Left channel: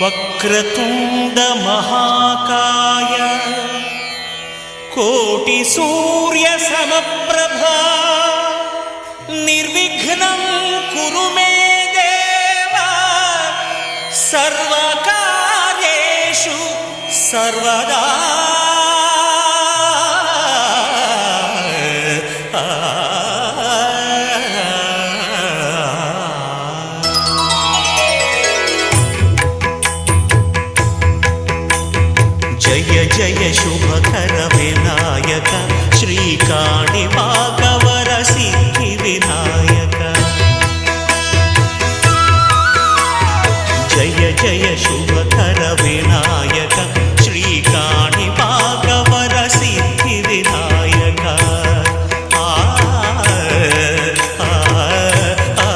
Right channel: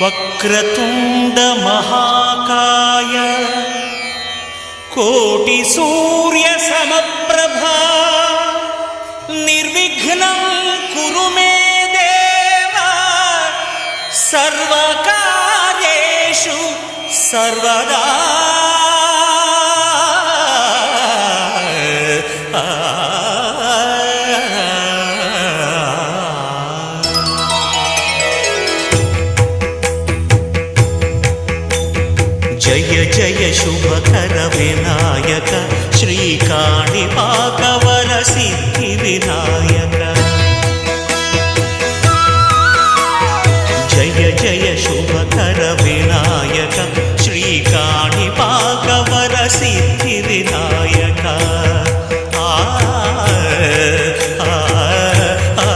వక్రతుండ మహాకాయ కోటి సూర్య సమప్రభా నిర్విఘ్నం కురు మే దేవ సర్వకార్యేషు సర్వదా. జయ జయ శుభకర వినాయక శ్రీకాణిపాకవర సిద్ధి వినాయక. జయ జయ శుభకర వినాయక శ్రీకాణిపాకవర సిద్ధి వినాయక. ఆ ఆ ఆ